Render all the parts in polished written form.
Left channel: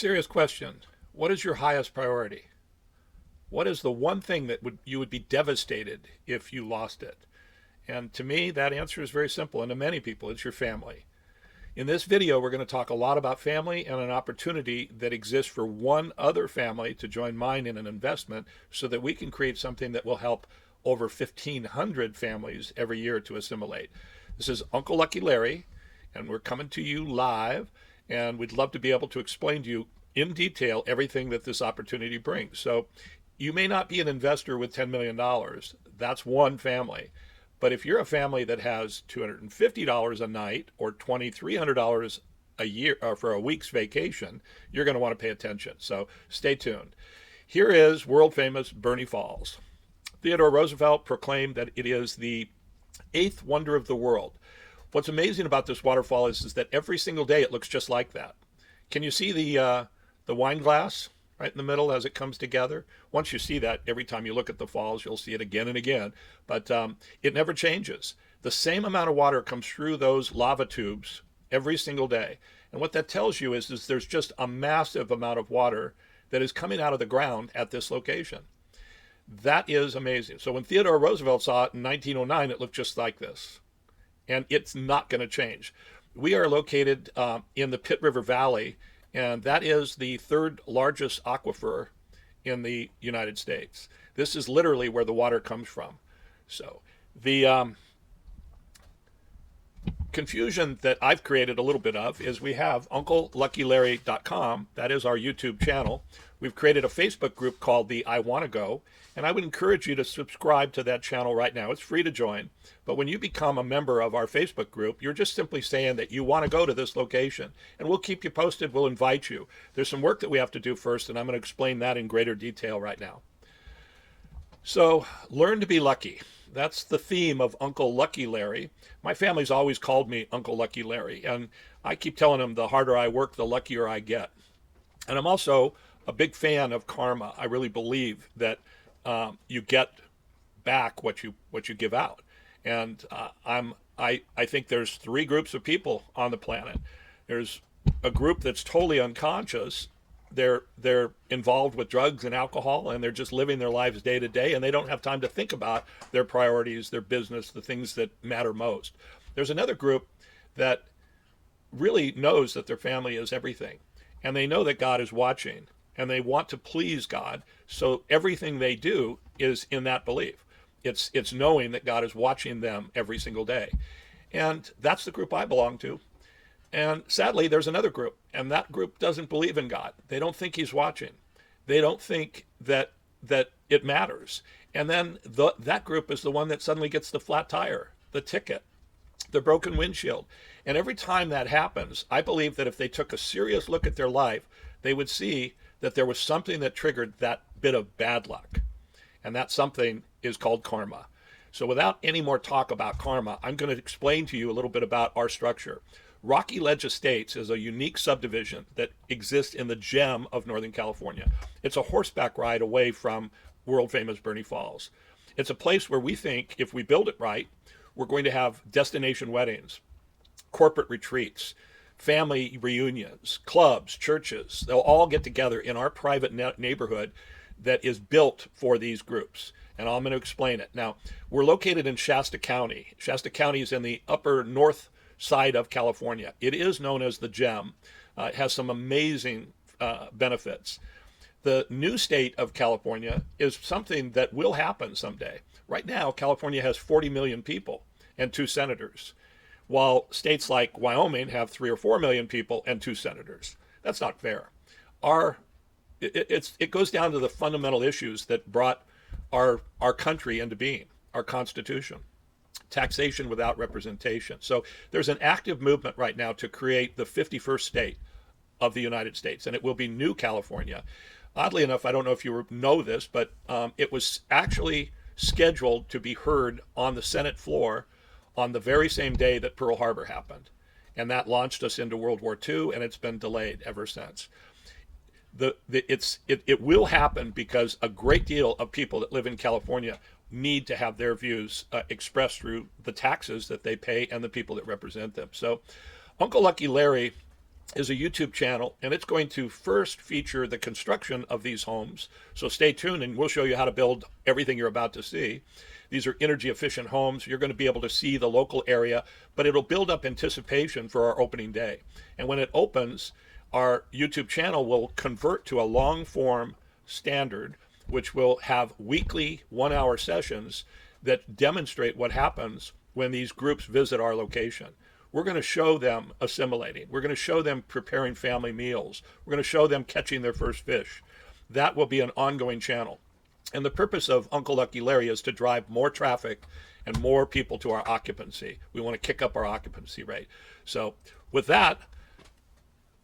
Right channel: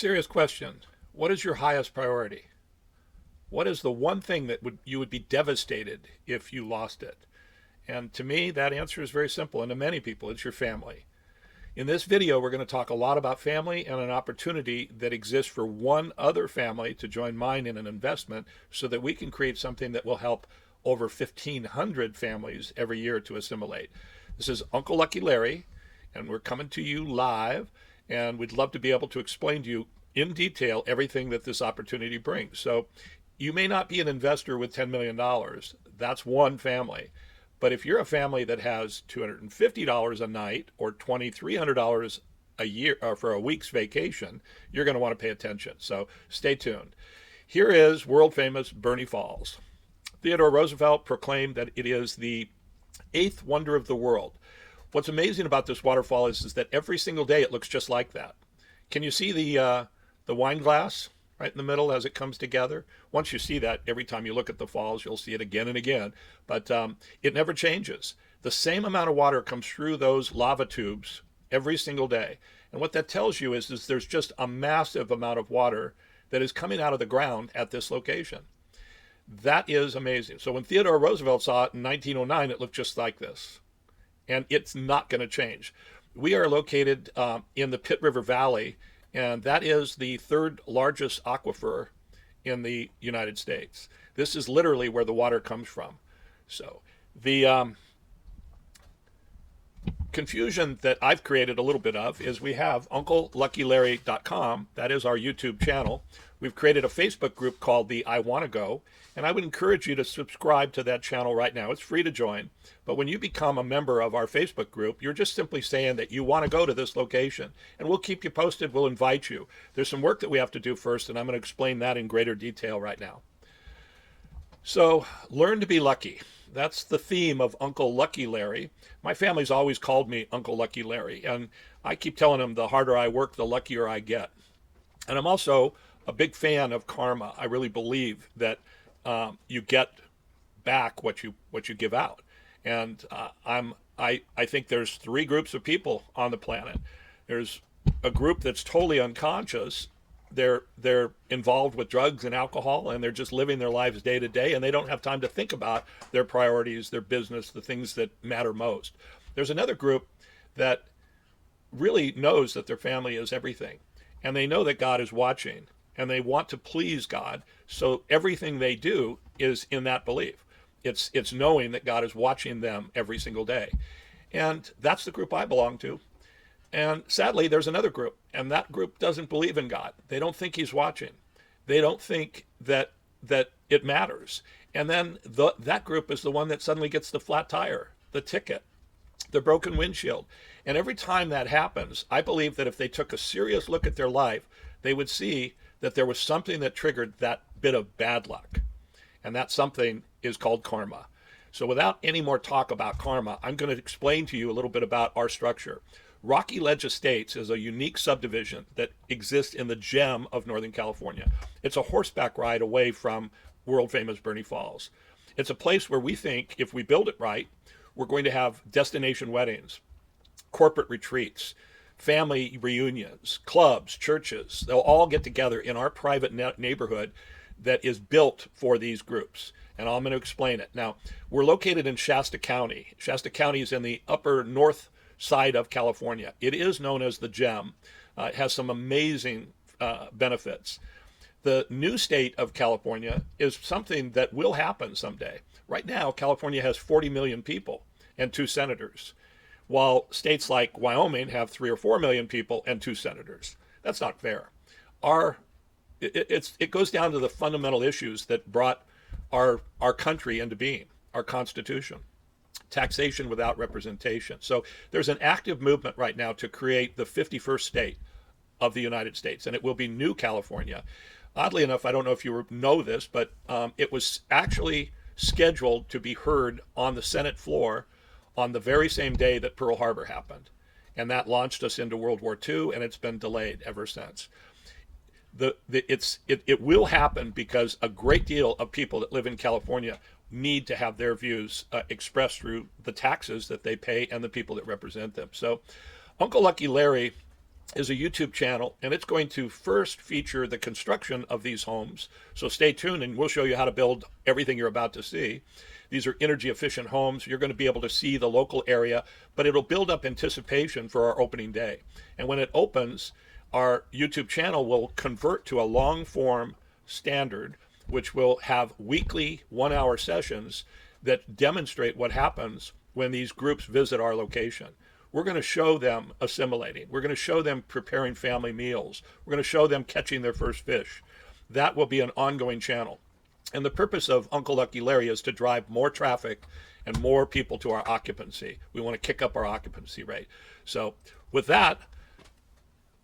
Serious question. What is your highest priority? What is the one thing that you would be devastated if you lost it? And to me, that answer is very simple. And to many people, it's your family. In this video, we're going to talk a lot about family and an opportunity that exists for one other family to join mine in an investment so that we can create something that will help over 1,500 families every year to assimilate. This is Uncle Lucky Larry, and we're coming to you live, and we'd love to be able to explain to you in detail everything that this opportunity brings. So you may not be an investor with $10 million. That's one family. But if you're a family that has $250 a night or $2,300 a year or for a week's vacation, you're going to want to pay attention. So stay tuned. Here is world famous Bernie Falls. Theodore Roosevelt proclaimed that it is the eighth wonder of the world. What's amazing about this waterfall is that every single day it looks just like that. Can you see the wine glass right in the middle as it comes together? Once you see that, every time you look at the falls, you'll see it again and again. But it never changes. The same amount of water comes through those lava tubes every single day. And what that tells you is there's just a massive amount of water that is coming out of the ground at this location. That is amazing. So when Theodore Roosevelt saw it in 1909, it looked just like this. And it's not going to change. We are located in the Pitt River Valley, and that is the third largest aquifer in the United States. This is literally where the water comes from. So the confusion that I've created a little bit of is we have UncleLuckyLarry.com. That is our YouTube channel. We've created a Facebook group called the I Wanna Go, and I would encourage you to subscribe to that channel right now. It's free to join. But when you become a member of our Facebook group, you're just simply saying that you want to go to this location, and we'll keep you posted. We'll invite you. There's some work that we have to do first, and I'm going to explain that in greater detail right now. So learn to be lucky. That's the theme of Uncle Lucky Larry. My family's always called me Uncle Lucky Larry, and I keep telling them the harder I work, the luckier I get. And I'm also a big fan of karma. I really believe that you get back what you give out. And I think there's three groups of people on the planet. There's a group that's totally unconscious. They're involved with drugs and alcohol, and they're just living their lives day to day, and they don't have time to think about their priorities, their business, the things that matter most. There's another group that really knows that their family is everything, and they know that God is watching, and they want to please God, so everything they do is in that belief. It's knowing that God is watching them every single day. And that's the group I belong to. And sadly, there's another group, and that group doesn't believe in God. They don't think he's watching. They don't think that it matters. And then that group is the one that suddenly gets the flat tire, the ticket, the broken windshield. And every time that happens, I believe that if they took a serious look at their life, they would see that there was something that triggered that bit of bad luck. And that something is called karma. So without any more talk about karma, I'm going to explain to you a little bit about our structure. Rocky Ledge Estates is a unique subdivision that exists in the gem of Northern California. It's a horseback ride away from world famous Bernie Falls. It's a place where we think if we build it right, we're going to have destination weddings, corporate retreats, family reunions, clubs, churches. They'll all get together in our private neighborhood that is built for these groups. And I'm going to explain it. Now, we're located in Shasta County. Shasta County is in the upper north side of California. It is known as the Gem. It has some amazing benefits. The new state of California is something that will happen someday. Right now, California has 40 million people and 2 senators, while states like Wyoming have 3 or 4 million people and 2 senators. That's not fair. It goes down to the fundamental issues that brought our country into being, our Constitution. Taxation without representation. So there's an active movement right now to create the 51st state of the United States, and it will be New California. Oddly enough, I don't know if you know this, but it was actually scheduled to be heard on the Senate floor on the very same day that Pearl Harbor happened. And that launched us into World War II, and it's been delayed ever since. It will happen because a great deal of people that live in California need to have their views expressed through the taxes that they pay and the people that represent them. So Uncle Lucky Larry is a YouTube channel, and it's going to first feature the construction of these homes. So stay tuned, and we'll show you how to build everything you're about to see. These are energy efficient homes. You're going to be able to see the local area, but it'll build up anticipation for our opening day. And when it opens, our YouTube channel will convert to a long form standard, which will have weekly 1 hour sessions that demonstrate what happens when these groups visit our location. We're going to show them assimilating. We're going to show them preparing family meals. We're going to show them catching their first fish. That will be an ongoing channel. And the purpose of Uncle Lucky Larry is to drive more traffic and more people to our occupancy. We want to kick up our occupancy rate. So with that,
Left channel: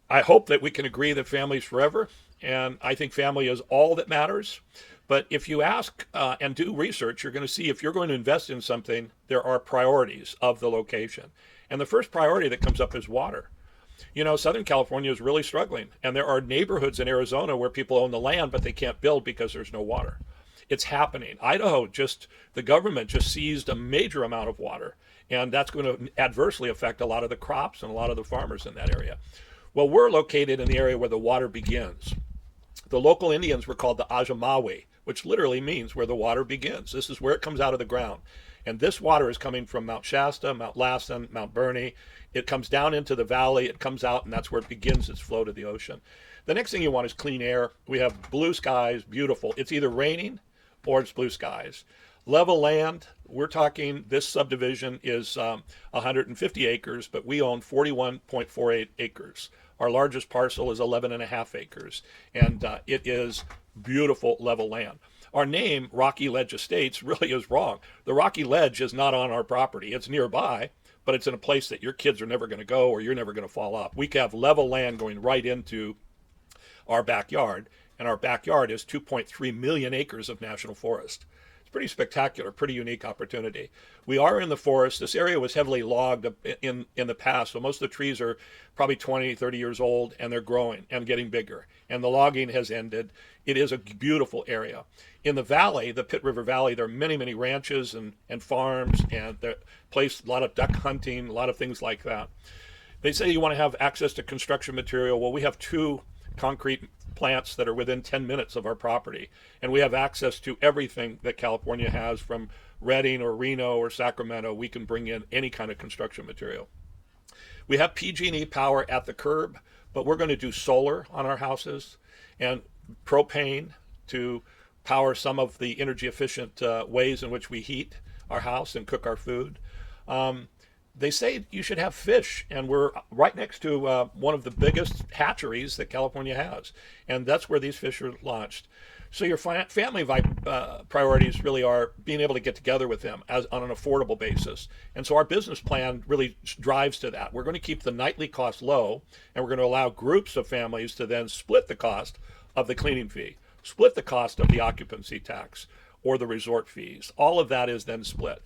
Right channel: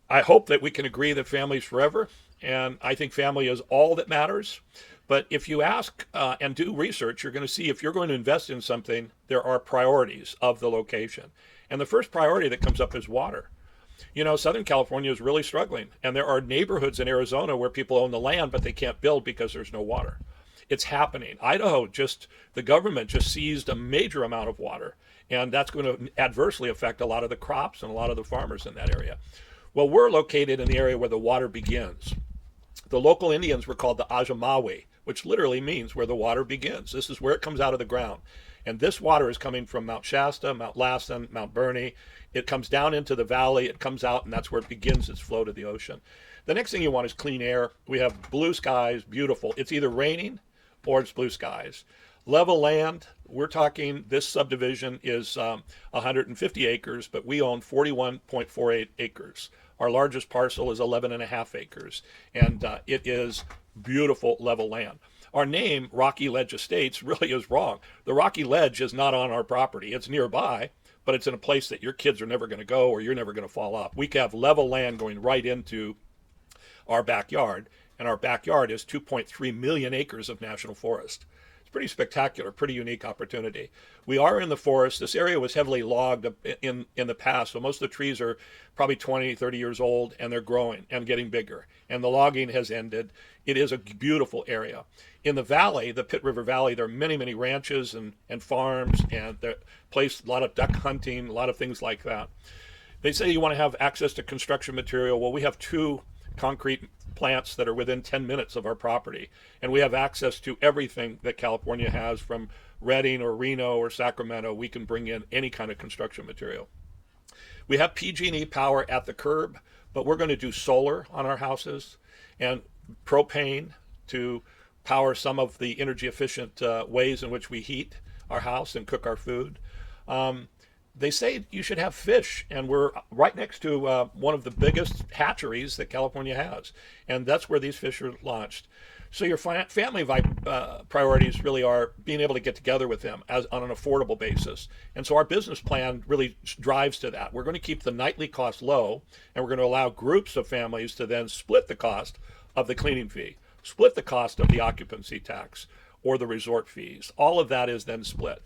I hope that we can agree that family is forever. And I think family is all that matters. But if you ask and do research, you're going to see if you're going to invest in something, there are priorities of the location. And the first priority that comes up is water. You know, Southern California is really struggling. And there are neighborhoods in Arizona where people own the land, but they can't build because there's no water. It's happening. Idaho, the government just seized a major amount of water. And that's going to adversely affect a lot of the crops and a lot of the farmers in that area. Well, we're located in the area where the water begins. The local Indians were called the Ajamawe, which literally means where the water begins. This is where it comes out of the ground. And this water is coming from Mount Shasta, Mount Lassen, Mount Bernie. It comes down into the valley, it comes out, and that's where it begins its flow to the ocean. The next thing you want is clean air. We have blue skies, beautiful. It's either raining or it's blue skies. Level land, we're talking, this subdivision is 150 acres, but we own 41.48 acres. Our largest parcel is 11.5 acres, and it is beautiful level land. Our name, Rocky Ledge Estates, really is wrong. The Rocky Ledge is not on our property. It's nearby, but it's in a place that your kids are never going to go or you're never going to fall off. We have level land going right into our backyard, and our backyard is 2.3 million acres of national forest. It's pretty spectacular, pretty unique opportunity. We are in the forest. This area was heavily logged in the past, so most of the trees are probably 20, 30 years old, and they're growing and getting bigger. And the logging has ended. It is a beautiful area. In the valley, the Pitt River Valley, there are many, many ranches and farms, and the place, a lot of duck hunting, a lot of things like that. They say you want to have access to construction material. Well, we have 2 concrete plants that are within 10 minutes of our property, and we have access to everything that California has, from Redding or Reno or Sacramento. We can bring in any kind of construction material. We have PG&E power at the curb, but we're going to do solar on our houses and propane to power some of the energy efficient ways in which we heat our house and cook our food. They say you should have fish, and we're right next to one of the biggest hatcheries that California has, and that's where these fish are launched. So your family priorities really are being able to get together with them on an affordable basis. And so our business plan really drives to that. We're going to keep the nightly cost low, and we're going to allow groups of families to then split the cost of the cleaning fee, split the cost of the occupancy tax or the resort fees. All of that is then split.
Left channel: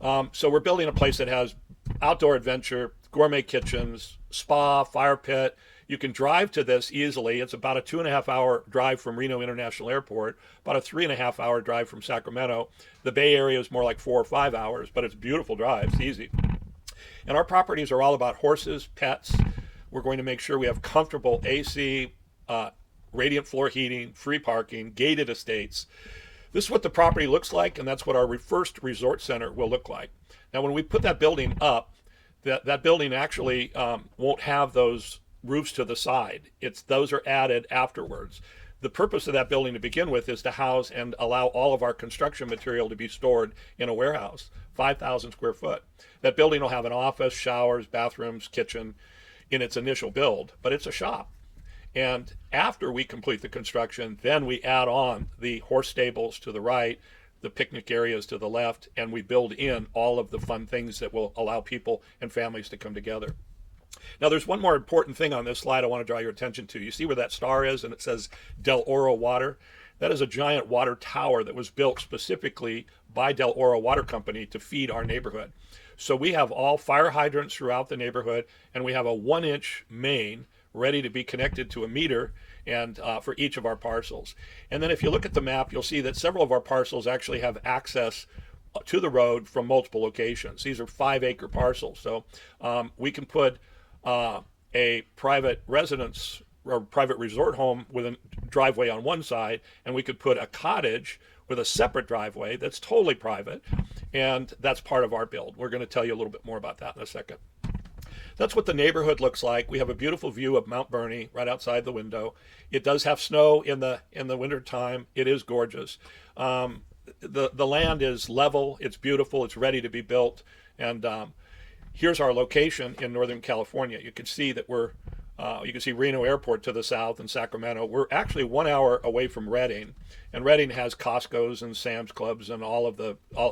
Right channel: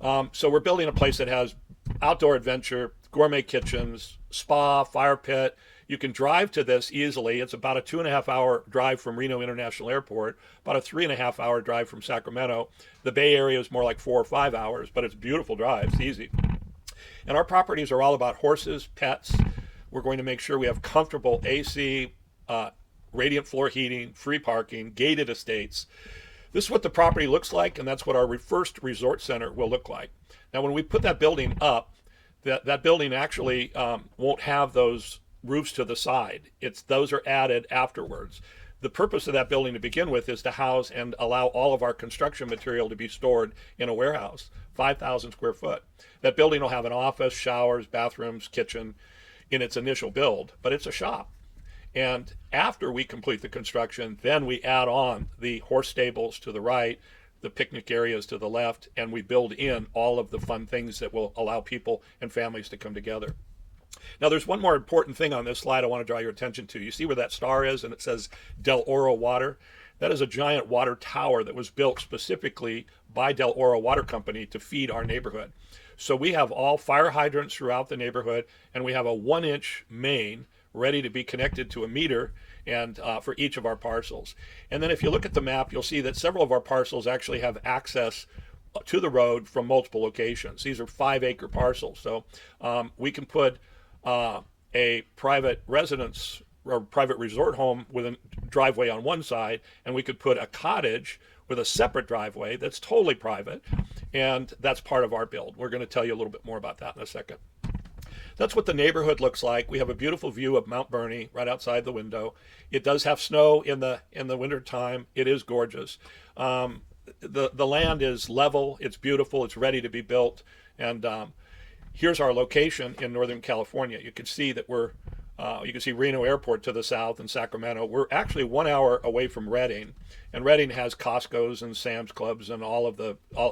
So we're building a place that has outdoor adventure, gourmet kitchens, spa, fire pit. You can drive to this easily. It's about a 2.5-hour drive from Reno International Airport, about a 3.5-hour drive from Sacramento. The Bay Area is more like 4 or 5 hours, but it's a beautiful drive. It's easy. And our properties are all about horses, tents. We're going to make sure we have comfortable AC, radiant floor heating, free parking, gated estates. This is what the property looks like, and that's what our first resort center will look like. Now, when we put that building up, that building actually won't have those roofs to the side. Those are added afterwards. The purpose of that building to begin with is to house and allow all of our construction material to be stored in a warehouse, 5,000 square foot. That building will have an office, showers, bathrooms, kitchen in its initial build, but it's a shop. And after we complete the construction, then we add on the horse stables to the right, the picnic areas to the left, and we build in all of the fun things that will allow people and families to come together. Now, there's one more important thing on this slide I want to draw your attention to. You see where that star is, and it says Del Oro Water? That is a giant water tower that was built specifically by Del Oro Water Company to feed our neighborhood. So we have all fire hydrants throughout the neighborhood, and we have a 1-inch main ready to be connected to a meter and for each of our parcels. And then if you look at the map, you'll see that several of our parcels actually have access to the road from multiple locations. These are 5-acre parcels. So we can put a private residence or private resort home with a driveway on one side, and we could put a cottage with a separate driveway that's totally private, and that's part of our build. We're going to tell you a little bit more about that in a second. That's what the neighborhood looks like. We have a beautiful view of Mount Bernie right outside the window. It does have snow in the winter time. It is gorgeous. The land is level. It's beautiful. It's ready to be built. And here's our location in Northern California. You can see that you can see Reno Airport to the south and Sacramento. We're actually 1 hour away from Redding. And Redding has Costco's and Sam's Clubs and all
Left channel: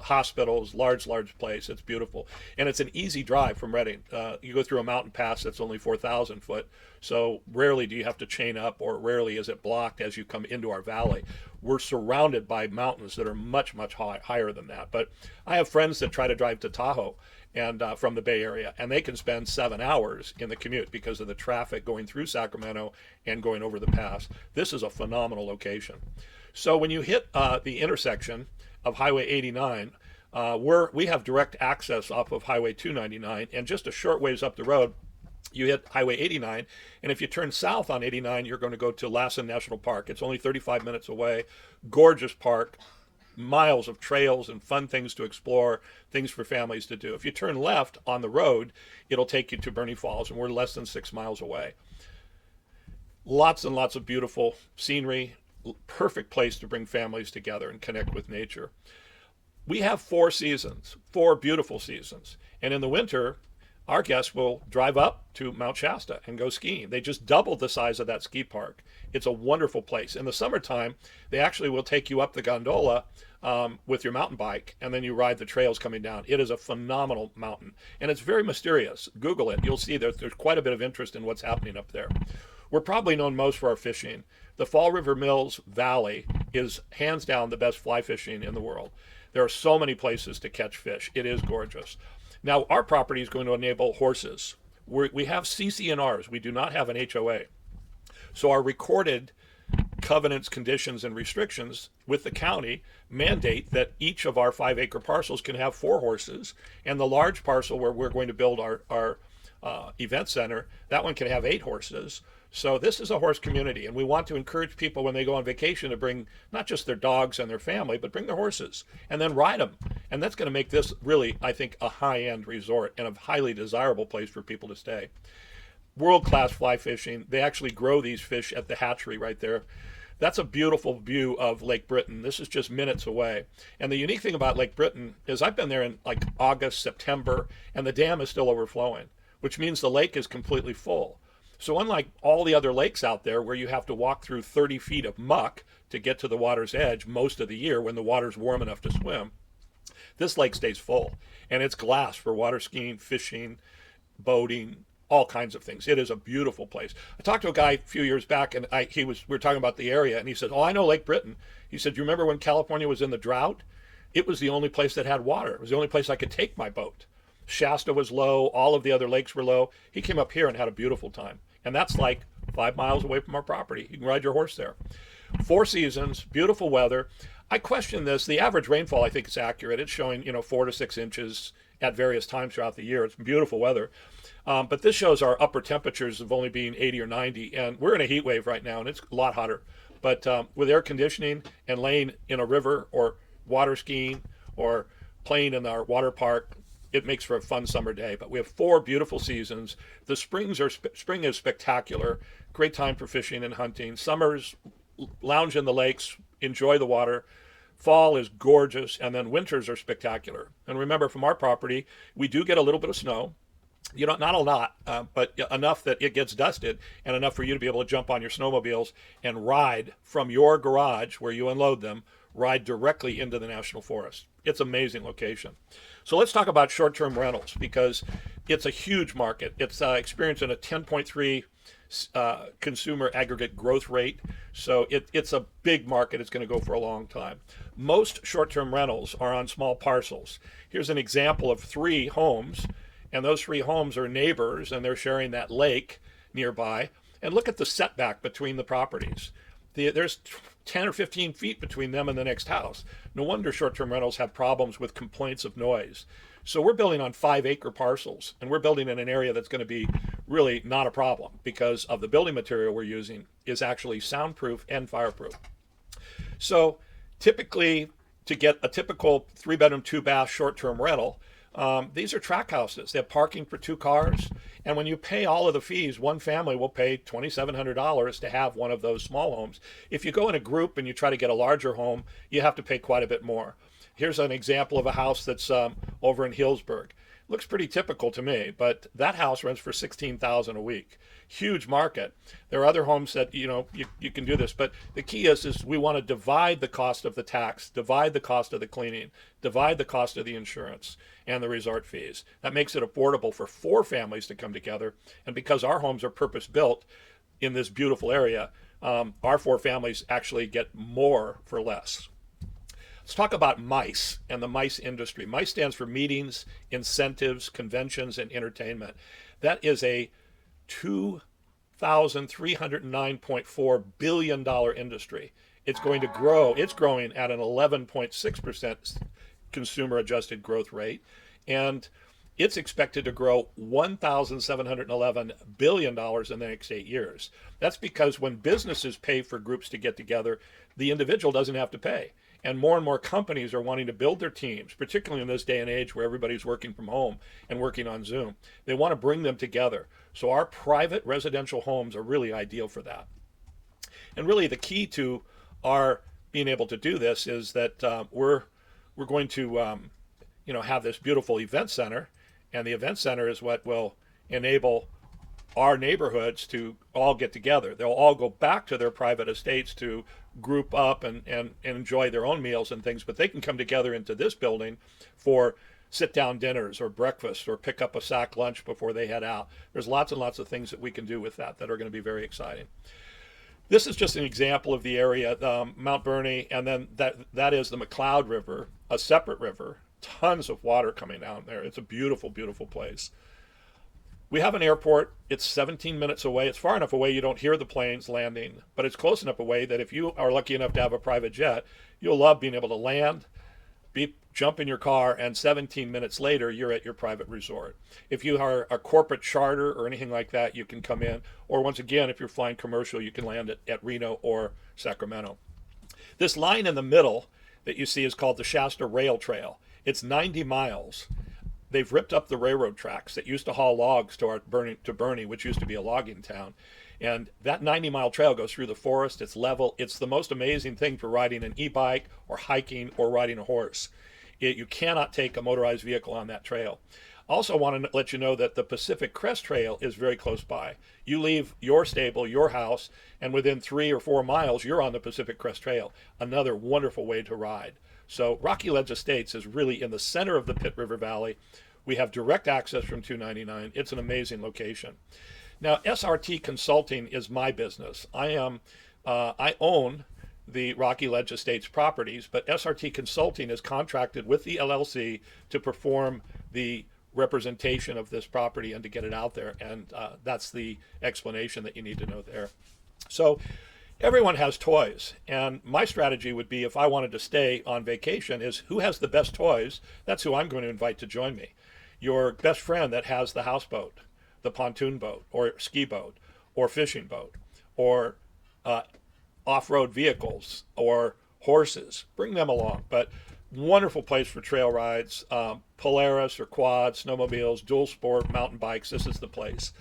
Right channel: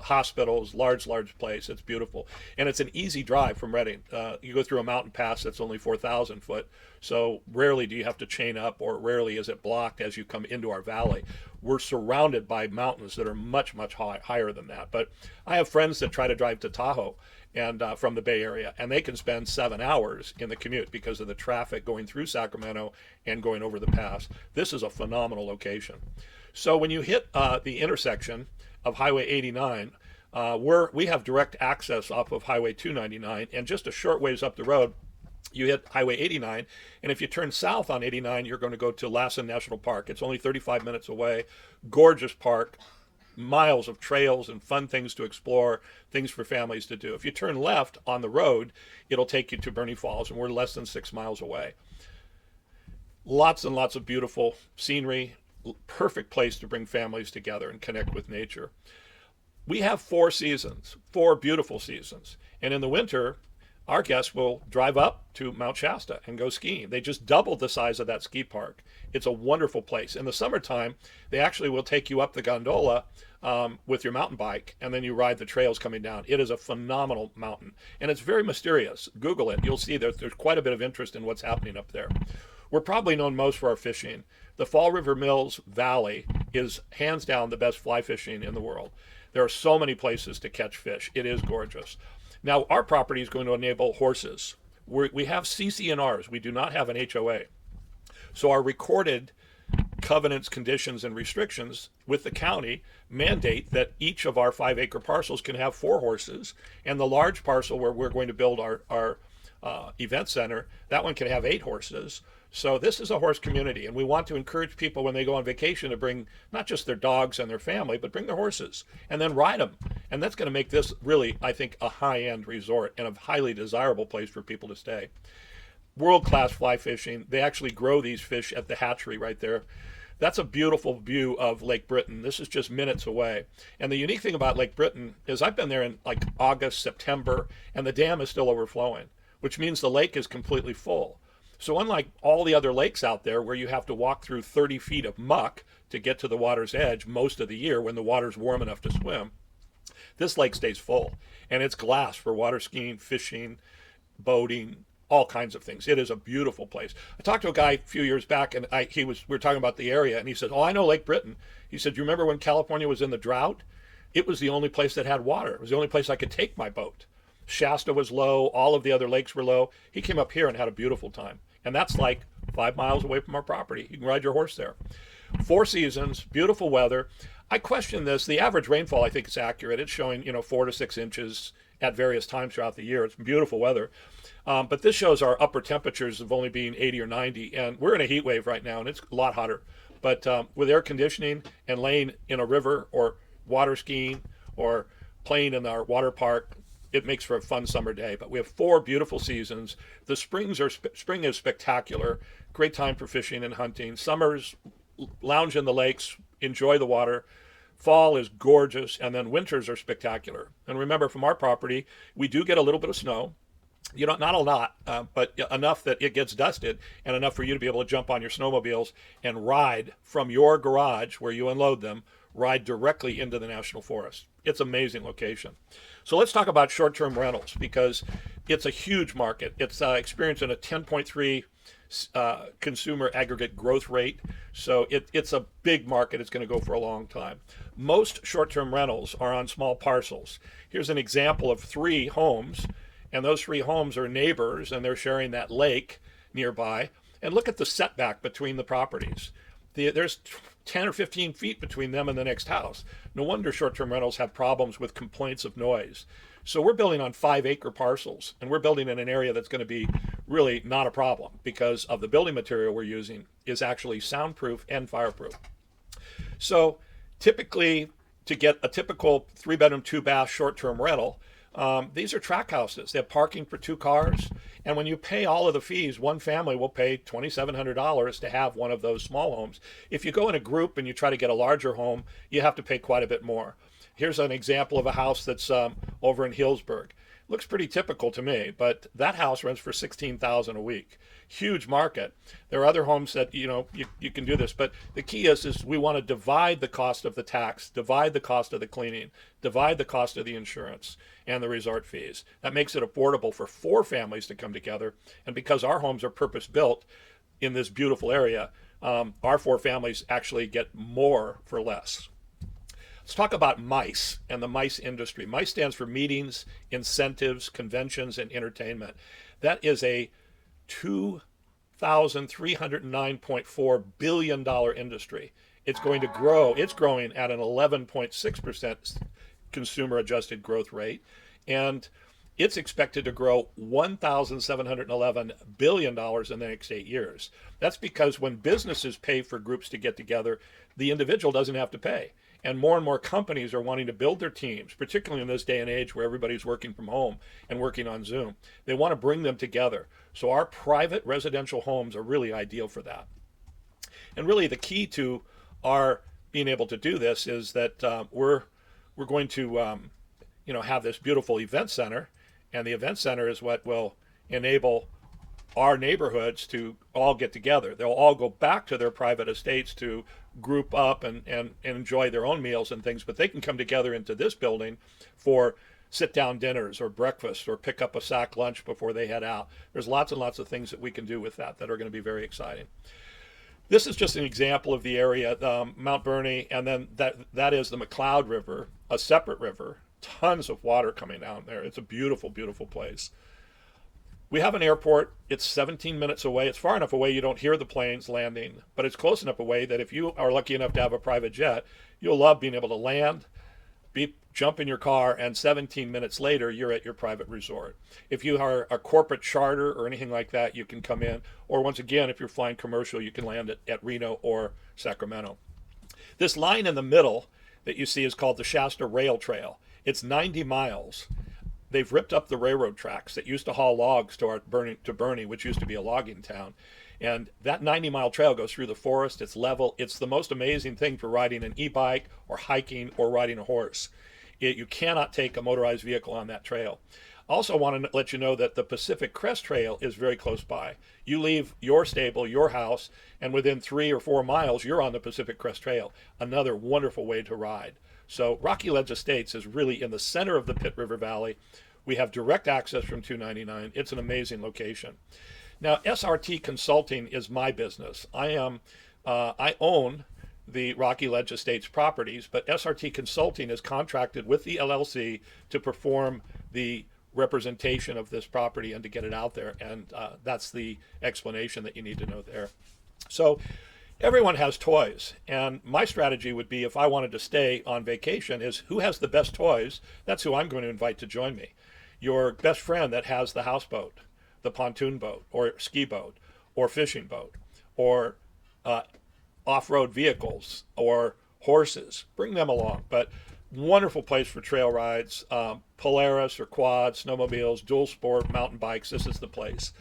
hospitals, large place. It's beautiful. And it's an easy drive from Redding. You go through a mountain pass that's only 4,000 foot. So rarely do you have to chain up, or rarely is it blocked as you come into our valley. We're surrounded by mountains that are much higher than that. But I have friends that try to drive to Tahoe and from the Bay Area, and they can spend 7 hours in the commute because of the traffic going through Sacramento and going over the pass. This is a phenomenal location. So when you hit the intersection of Highway 89, we have direct access off of Highway 299, and just a short ways up the road, you hit Highway 89, and if you turn south on 89, you're going to go to Lassen National Park. It's only 35 minutes away. Gorgeous park, miles of trails and fun things to explore, things for families to do. If you turn left on the road, it'll take you to Bernie Falls, and we're less than 6 miles away. Lots and lots of beautiful scenery. Perfect place to bring families together and connect with nature. We have 4 seasons, 4 beautiful seasons. And in the winter, our guests will drive up to Mount Shasta and go skiing. They just doubled the size of that ski park. It's a wonderful place. In the summertime, they actually will take you up the gondola with your mountain bike, and then you ride the trails coming down. It is a phenomenal mountain, and it's very mysterious. Google it. You'll see that there's quite a bit of interest in what's happening up there. We're probably known most for our fishing. The Fall River Mills Valley is hands down the best fly fishing in the world. There are so many places to catch fish. It is gorgeous. Now, our property is going to enable horses. We have CC&Rs. We do not have an HOA. So our recorded covenants, conditions, and restrictions with the county mandate that each of our 5-acre parcels can have 4 horses. And the large parcel where we're going to build our event center, that one can have 8 horses. So this is a horse community, and we want to encourage people when they go on vacation to bring not just their dogs and their family, but bring the horses and then ride them. And that's going to make this really, I think, a high-end resort and a highly desirable place for people to stay. World-class fly fishing. They actually grow these fish at the hatchery right there. That's a beautiful view of Lake Britain. This is just minutes away. And the unique thing about Lake Britain is I've been there in like August, September, and the dam is still overflowing, which means the lake is completely full. So unlike all the other lakes out there where you have to walk through 30 feet of muck to get to the water's edge most of the year when the water's warm enough to swim, this lake stays full. And it's glass for water skiing, fishing, boating, all kinds of things. It is a beautiful place. I talked to a guy a few years back, and we were talking about the area, and he said, "Oh, I know Lake Britain." He said, "You remember when California was in the drought? It was the only place that had water. It was the only place I could take my boat. Shasta was low. All of the other lakes were low. He came up here and had a beautiful time." And that's like 5 miles away from our property. You can ride your horse there. 4 seasons, beautiful weather. I question this. The average rainfall, I think, is accurate. It's showing, 4 to 6 inches at various times throughout the year. It's beautiful weather. But this shows our upper temperatures of only being 80 or 90. And we're in a heat wave right now, and it's a lot hotter. But with air conditioning and laying in a river or water skiing or playing in our water park, it makes for a fun summer day. But we have 4 beautiful seasons. The spring is spectacular. Great time for fishing and hunting. Summer's lounge in the lakes, enjoy the water. Fall is gorgeous, and then winters are spectacular. And remember, from our property, we do get a little bit of snow. Not a lot, but enough that it gets dusted, and enough for you to be able to jump on your snowmobiles and ride from your garage where you unload them, ride directly into the National Forest. It's an amazing location. So let's talk about short-term rentals, because it's a huge market. It's experiencing a 10.3 consumer aggregate growth rate. So it's a big market. It's going to go for a long time. Most short-term rentals are on small parcels. Here's an example of 3 homes, and those 3 homes are neighbors, and they're sharing that lake nearby. And look at the setback between the properties. There's 10 or 15 feet between them and the next house. No wonder short-term rentals have problems with complaints of noise. So we're building on 5-acre parcels, and we're building in an area that's going to be really not a problem because of the building material we're using is actually soundproof and fireproof. So typically, to get a typical 3-bedroom, 2-bath short-term rental, these are tract houses. They have parking for 2 cars. And when you pay all of the fees, one family will pay $2,700 to have one of those small homes. If you go in a group and you try to get a larger home, you have to pay quite a bit more. Here's an example of a house that's over in Healdsburg. Looks pretty typical to me, but that house rents for $16,000 a week. Huge market. There are other homes that you can do this, but the key is we want to divide the cost of the tax, divide the cost of the cleaning, divide the cost of the insurance and the resort fees. That makes it affordable for 4 families to come together. And because our homes are purpose built in this beautiful area, our 4 families actually get more for less. Let's talk about MICE and the MICE industry. MICE stands for Meetings, Incentives, Conventions, and Entertainment. That is a $2,309.4 billion industry. It's going to grow. It's growing at an 11.6% consumer adjusted growth rate. And it's expected to grow $1,711 billion in the next 8 years. That's because when businesses pay for groups to get together, the individual doesn't have to pay. And more companies are wanting to build their teams, particularly in this day and age where everybody's working from home and working on Zoom. They want to bring them together. So our private residential homes are really ideal for that. And really the key to our being able to do this is that we're going to have this beautiful event center, and the event center is what will enable our neighborhoods to all get together. They'll all go back to their private estates to group up and enjoy their own meals and things, but they can come together into this building for sit-down dinners or breakfast or pick up a sack lunch before they head out. There's lots and lots of things that we can do with that are going to be very exciting. This is just an example of the area, Mount Bernie, and then that is the McCloud River, a separate river. Tons of water coming down there. It's a beautiful, beautiful place. We have an airport. It's 17 minutes away. It's far enough away you don't hear the planes landing, but it's close enough away that if you are lucky enough to have a private jet, you'll love being able to land, jump in your car, and 17 minutes later, you're at your private resort. If you are a corporate charter or anything like that, you can come in. Or once again, if you're flying commercial, you can land at Reno or Sacramento. This line in the middle that you see is called the Shasta Rail Trail. It's 90 miles. They've ripped up the railroad tracks that used to haul logs to Bernie, which used to be a logging town. And that 90-mile trail goes through the forest. It's level. It's the most amazing thing for riding an e-bike or hiking or riding a horse. You cannot take a motorized vehicle on that trail. I also want to let you know that the Pacific Crest Trail is very close by. You leave your stable, your house, and within 3 or 4 miles, you're on the Pacific Crest Trail. Another wonderful way to ride. So Rocky Ledge Estates is really in the center of the Pitt River Valley. We have direct access from 299. It's an amazing location. Now, SRT Consulting is my business. I own the Rocky Ledge Estates properties, but SRT Consulting is contracted with the LLC to perform the representation of this property and to get it out there. And that's the explanation that you need to know there. So everyone has toys. And my strategy would be, if I wanted to stay on vacation, is who has the best toys? That's who I'm going to invite to join me. Your best friend that has the houseboat, the pontoon boat, or ski boat, or fishing boat, or off-road vehicles, or horses. Bring them along. But wonderful place for trail rides, Polaris or quads, snowmobiles, dual sport, mountain bikes. This is the place.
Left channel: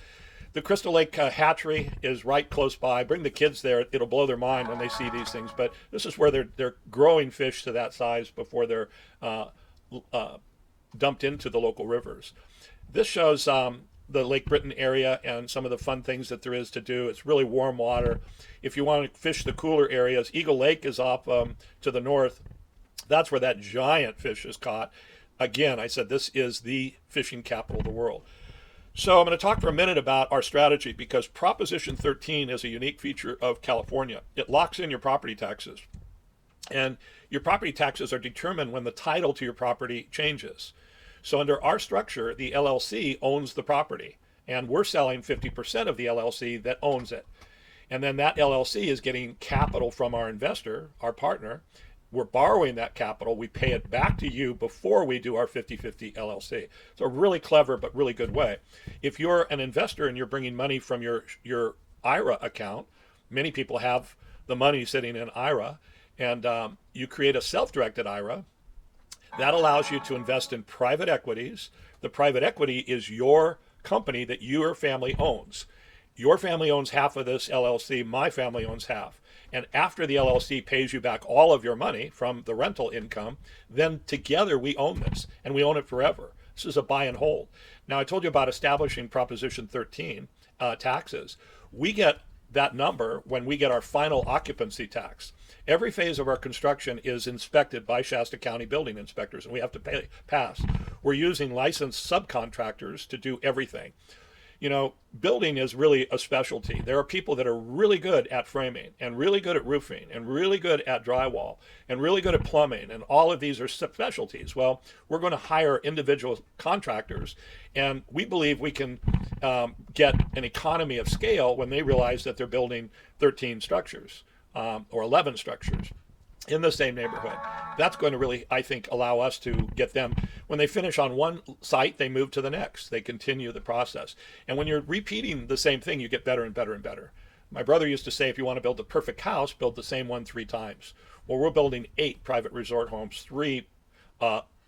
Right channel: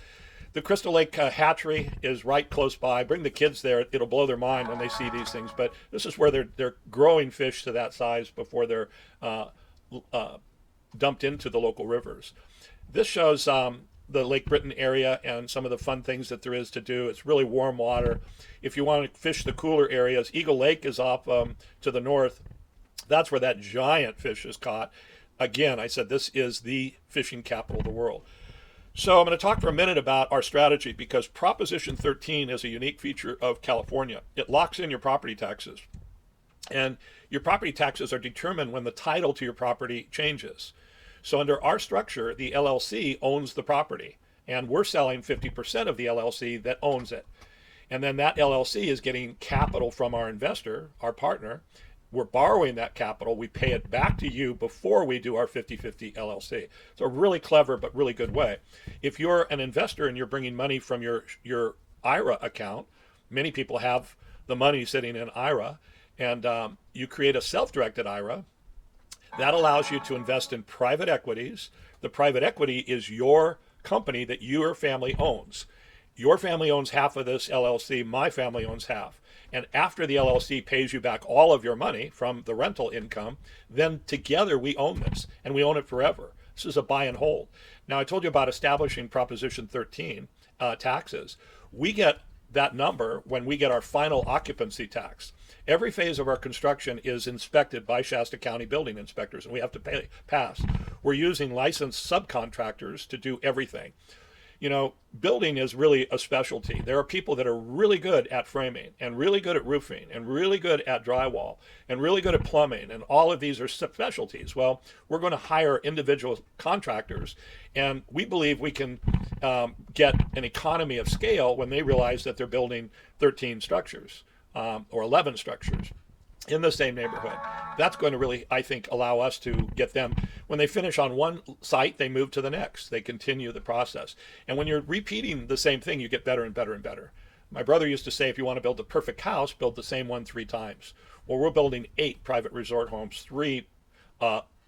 The Crystal Lake Hatchery is right close by. Bring the kids there. It'll blow their mind when they see these things. But this is where they're growing fish to that size before they're dumped into the local rivers. This shows the Lake Britain area and some of the fun things that there is to do. It's really warm water. If you want to fish the cooler areas, Eagle Lake is off to the north. That's where that giant fish is caught. Again, I said this is the fishing capital of the world. So I'm going to talk for a minute about our strategy, because Proposition 13 is a unique feature of California. It locks in your property taxes. And your property taxes are determined when the title to your property changes. So under our structure, the LLC owns the property, and we're selling 50% of the LLC that owns it. And then that LLC is getting capital from our investor, our partner, we're borrowing that capital. We pay it back to you before we do our 50/50 LLC. So a really clever but really good way. If you're an investor and you're bringing money from your IRA account, many people have the money sitting in IRA, and you create a self-directed IRA that allows you to invest in private equities. The private equity is your company that your family owns. Your family owns half of this LLC, my family owns half. And after the LLC pays you back all of your money from the rental income, then together we own this and we own it forever. This is a buy and hold. Now, I told you about establishing Proposition 13 taxes. We get that number when we get our final occupancy tax. Every phase of our construction is inspected by Shasta County building inspectors, and we have to pass. We're using licensed subcontractors to do everything. You know, building is really a specialty. There are people that are really good at framing and really good at roofing and really good at drywall and really good at plumbing, and all of these are specialties. Well, we're going to hire individual contractors, and we believe we can get an economy of scale when they realize that they're building 13 structures or 11 structures in the same neighborhood. That's going to really, I think, allow us to get them, when they finish on one site, they move to the next. They continue the process. And when you're repeating the same thing, you get better and better and better. My brother used to say, if you want to build the perfect house, build the same one 3 times. Well, we're building 8 private resort homes, 3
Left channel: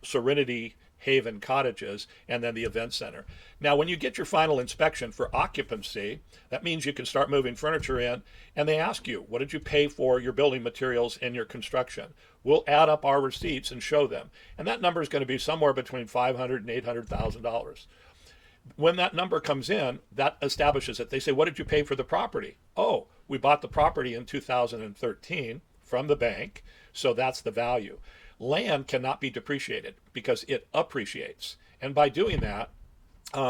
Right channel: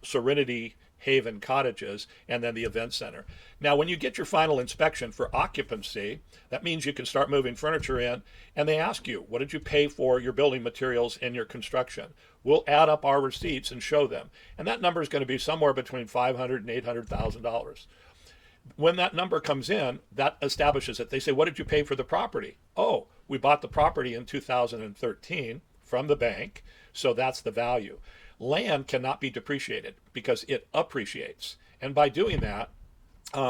Serenity Haven cottages, and then the event center. Now, when you get your final inspection for occupancy, that means you can start moving furniture in, and they ask you, what did you pay for your building materials and your construction? We'll add up our receipts and show them. And that number is going to be somewhere between $500,000 and $800,000. When that number comes in, that establishes it. They say, what did you pay for the property? Oh, we bought the property in 2013 from the bank, so that's the value. Land cannot be depreciated because it appreciates. And by doing that,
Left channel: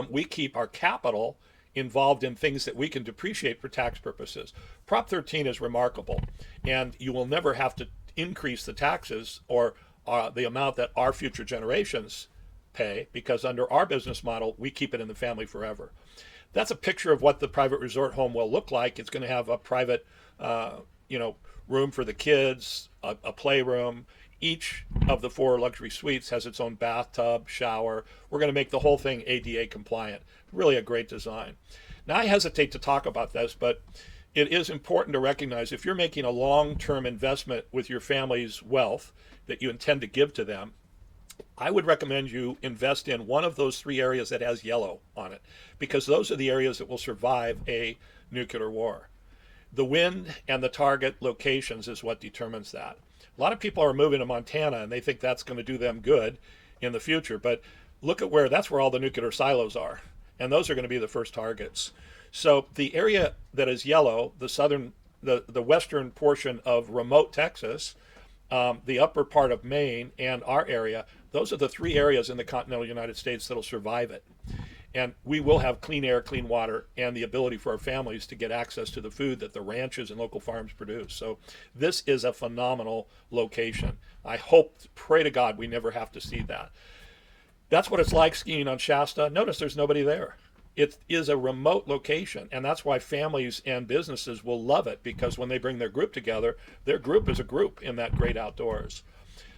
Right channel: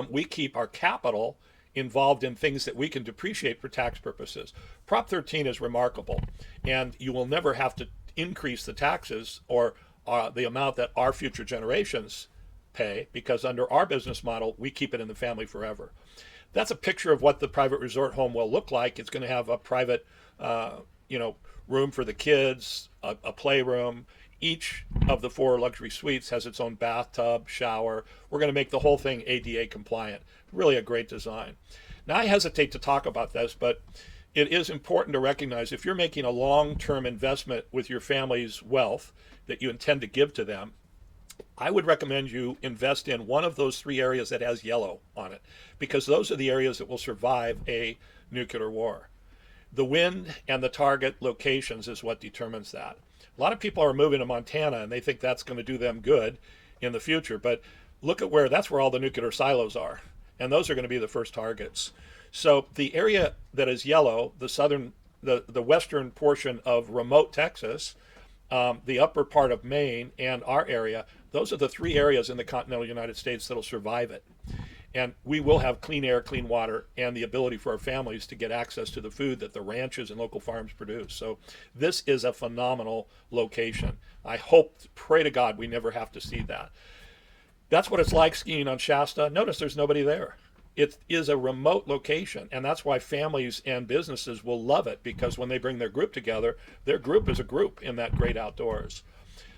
we keep our capital involved in things that we can depreciate for tax purposes. Prop 13 is remarkable, and you will never have to increase the taxes or the amount that our future generations pay, because under our business model, we keep it in the family forever. That's a picture of what the private resort home will look like. It's going to have a private, room for the kids, a playroom. Each of the 4 luxury suites has its own bathtub, shower. We're going to make the whole thing ADA compliant. Really a great design. Now, I hesitate to talk about this, but it is important to recognize if you're making a long-term investment with your family's wealth that you intend to give to them, I would recommend you invest in one of those 3 areas that has yellow on it, because those are the areas that will survive a nuclear war. The wind and the target locations is what determines that. A lot of people are moving to Montana and they think that's going to do them good in the future, but look at that's where all the nuclear silos are, and those are going to be the first targets. So the area that is yellow, the western portion of remote Texas, the upper part of Maine, and our area, those are the 3 areas in the continental United States that'll survive it. And we will have clean air, clean water, and the ability for our families to get access to the food that the ranchers and local farms produce. So this is a phenomenal location. I hope, pray to God, we never have to see that. That's what it's like skiing on Shasta. Notice there's nobody there. It is a remote location, and that's why families and businesses will love it, because when they bring their group together, their group is a group in that great outdoors.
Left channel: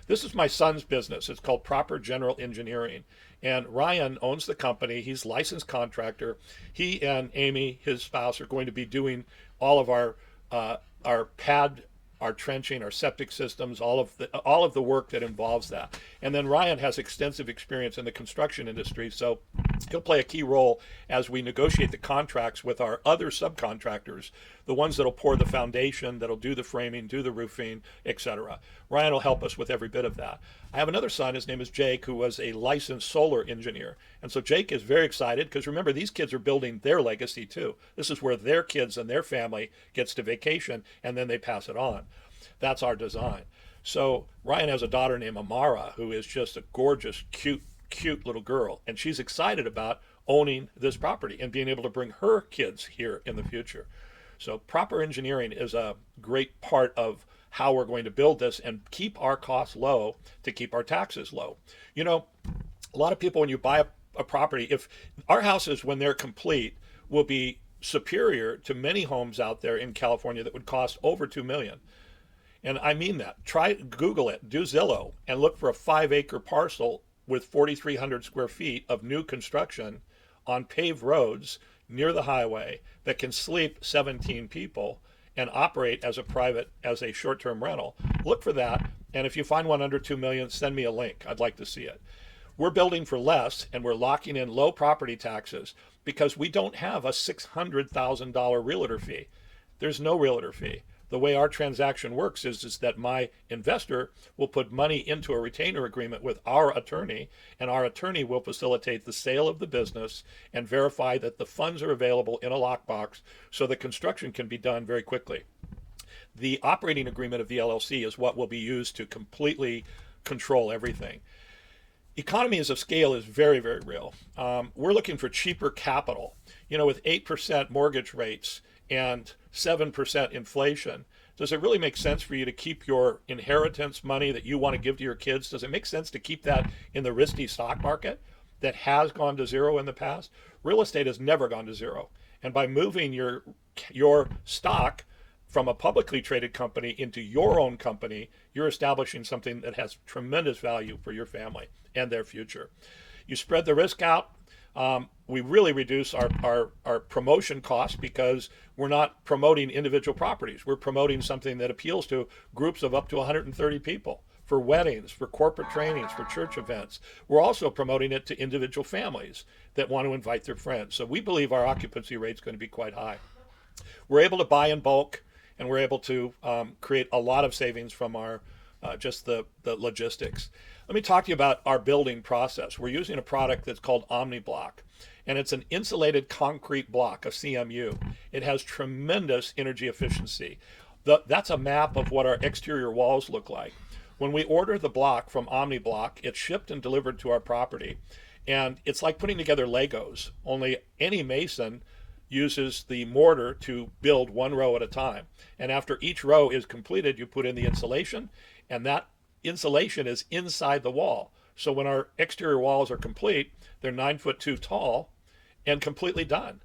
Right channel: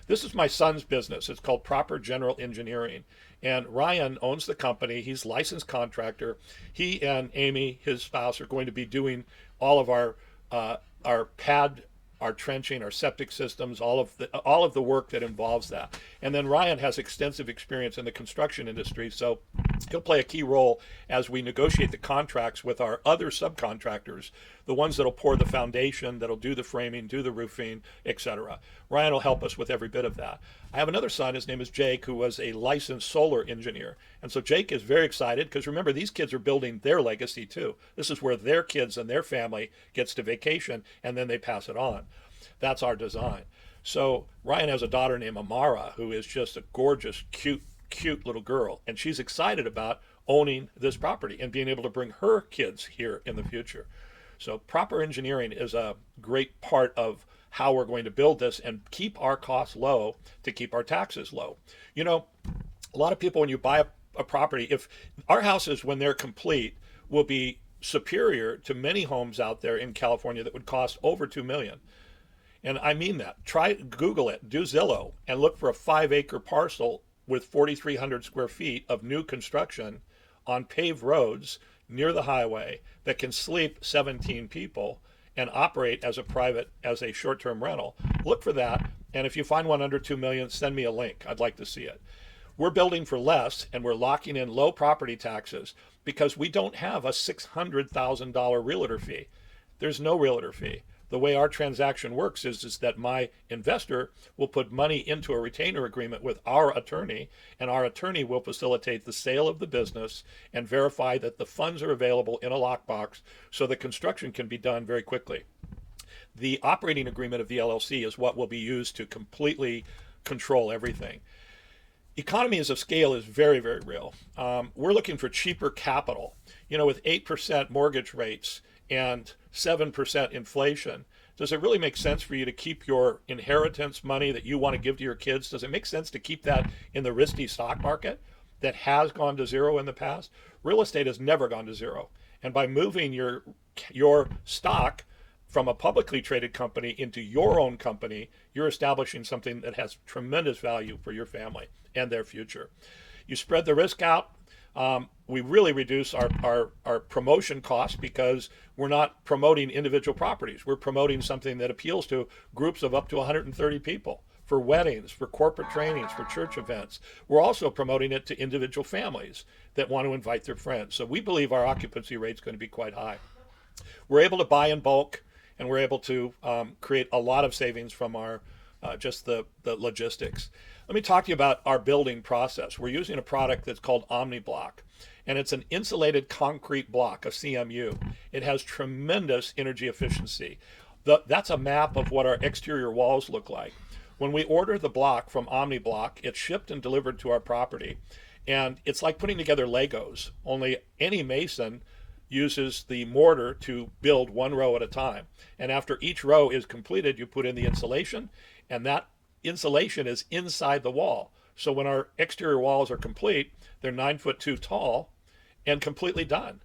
This is my son's business. It's called Proper General Engineering. And Ryan owns the company. He's a licensed contractor. He and Amy, his spouse, are going to be doing all of our pad, our trenching, our septic systems, all of the work that involves that. And then Ryan has extensive experience in the construction industry, so he'll play a key role as we negotiate the contracts with our other subcontractors, the ones that'll pour the foundation, that'll do the framing, do the roofing, etc. Ryan will help us with every bit of that. I have another son, his name is Jake, who was a licensed solar engineer. And so Jake is very excited because remember, these kids are building their legacy too. This is where their kids and their family gets to vacation and then they pass it on. That's our design. So Ryan has a daughter named Amara, who is just a gorgeous, cute little girl. And she's excited about owning this property and being able to bring her kids here in the future. So proper engineering is a great part of how we're going to build this and keep our costs low to keep our taxes low. You know, a lot of people, when you buy a property, if our houses, when they're complete, will be superior to many homes out there in California that would cost over $2 million. And I mean that. Try Google it, do Zillow, and look for a 5-acre parcel with 4,300 square feet of new construction on paved roads near the highway that can sleep 17 people and operate as a short-term rental. Look for that. And if you find one under 2 million, send me a link. I'd like to see it. We're building for less and we're locking in low property taxes because we don't have a $600,000 realtor fee. There's no realtor fee. The way our transaction works is that my investor will put money into a retainer agreement with our attorney, and our attorney will facilitate the sale of the business and verify that the funds are available in a lockbox so the construction can be done very quickly. The operating agreement of the LLC is what will be used to completely control everything. Economies of scale is very, very real. We're looking for cheaper capital. With 8% mortgage rates and 7% inflation, does it really make sense for you to keep your inheritance money that you want to give to your kids? Does it make sense to keep that in the risky stock market that has gone to zero in the past? Real estate has never gone to zero. And by moving your stock from a publicly traded company into your own company, you're establishing something that has tremendous value for your family and their future. You spread the risk out. We really reduce our promotion costs because we're not promoting individual properties. We're promoting something that appeals to groups of up to 130 people for weddings, for corporate trainings, for church events. We're also promoting it to individual families that want to invite their friends. So we believe our occupancy rate is going to be quite high. We're able to buy in bulk, and we're able to create a lot of savings from our just the logistics. Let me talk to you about our building process. We're using a product that's called OmniBlock, and it's an insulated concrete block, a CMU. It has tremendous energy efficiency. That's a map of what our exterior walls look like. When we order the block from OmniBlock, it's shipped and delivered to our property, and it's like putting together Legos, only any mason uses the mortar to build one row at a time. And after each row is completed, you put in the insulation, and that insulation is inside the wall. So when our exterior walls are complete, they're 9'2" tall and completely done.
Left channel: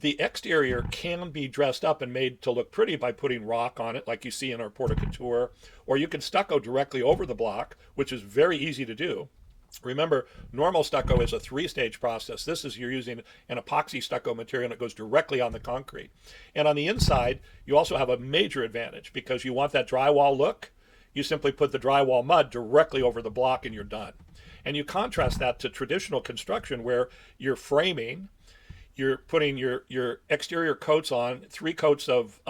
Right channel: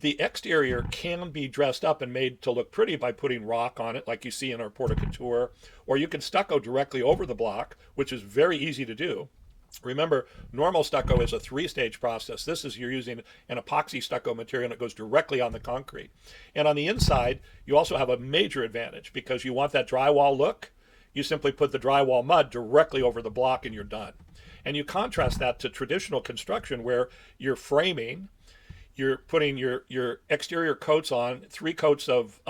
The exterior can be dressed up and made to look pretty by putting rock on it, like you see in our porte couture, or you can stucco directly over the block, which is very easy to do. Remember, normal stucco is a 3-stage process. This is you're using an epoxy stucco material that goes directly on the concrete. And on the inside, you also have a major advantage because you want that drywall look. You simply put the drywall mud directly over the block and you're done. And you contrast that to traditional construction where you're framing, you're putting your exterior coats on, 3 coats of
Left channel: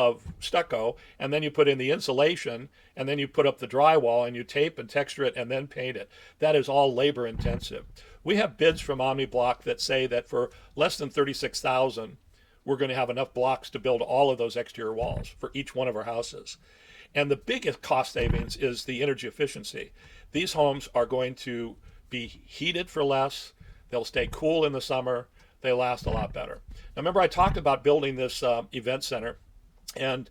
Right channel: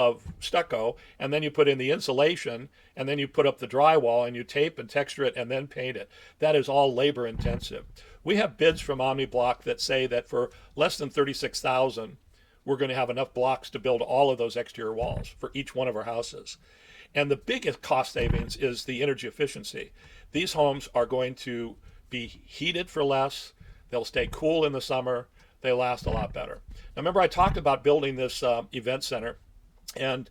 stucco, and then you put in the insulation, and then you put up the drywall and you tape and texture it and then paint it. That is all labor intensive. We have bids from OmniBlock that say that for less than $36,000, we're going to have enough blocks to build all of those exterior walls for each one of our houses. And the biggest cost savings is the energy efficiency. These homes are going to be heated for less. They'll stay cool in the summer. They last a lot better. Now, remember I talked about building this event center, and